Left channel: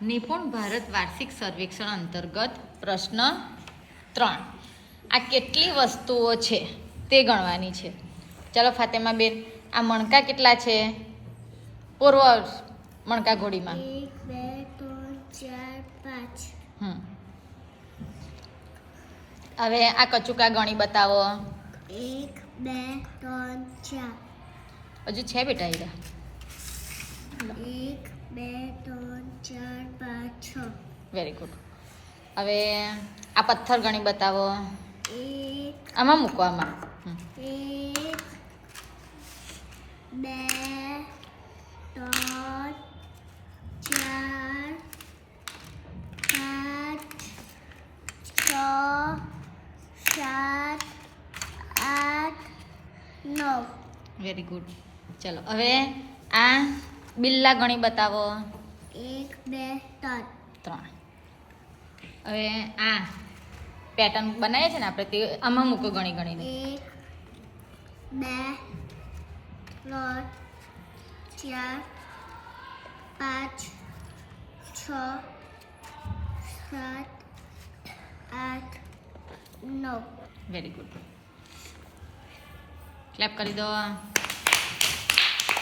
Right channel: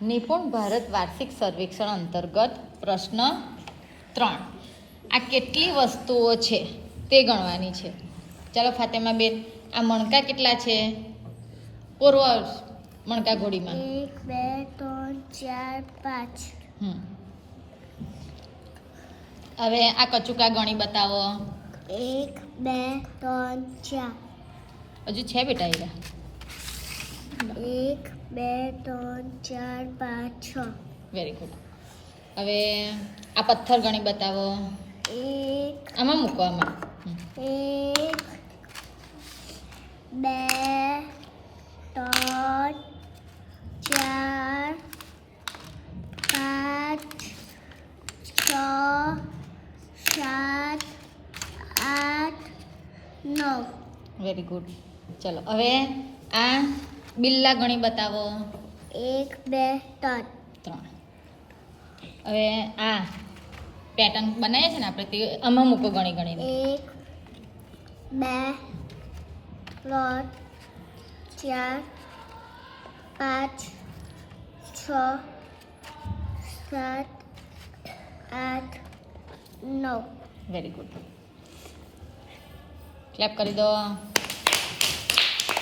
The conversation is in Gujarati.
નિપુણ ભારત વાર્ષિક સર્વેક્ષણ અંતર્ગત પ્રશ્ન 3 આ કેટલી વસ્તુઓ છે તે ગણવાની છે. ચાલો ફાતેમાબેન, આ મણકા કેટલા છે? પૂર્વ મણકા ઘોડીમાં 1 2 3 4 5. હવે આ કચુકા ગણી બતાવો. 1 2 3 4. હજુ છે બેટા એરા? 1 2 3 4 5 6. Very good. હવે આ પથ્થર ગણી બતાવો. 1 આમાં મૂકો, આમાં. 1 2 3 4 5 6 7 8 9. Very good. ચલો હવે આ બિલ્લા ગણી બતાવો. 1 2 3. 3. હવે આ પેટર્ન બનાવીએ છે ને આપણે, તે આમાં મૂકો ગણી ગણીને. 1 2 3 4 5 6 7 8 9. Very good. ક્લેપ કરી દો.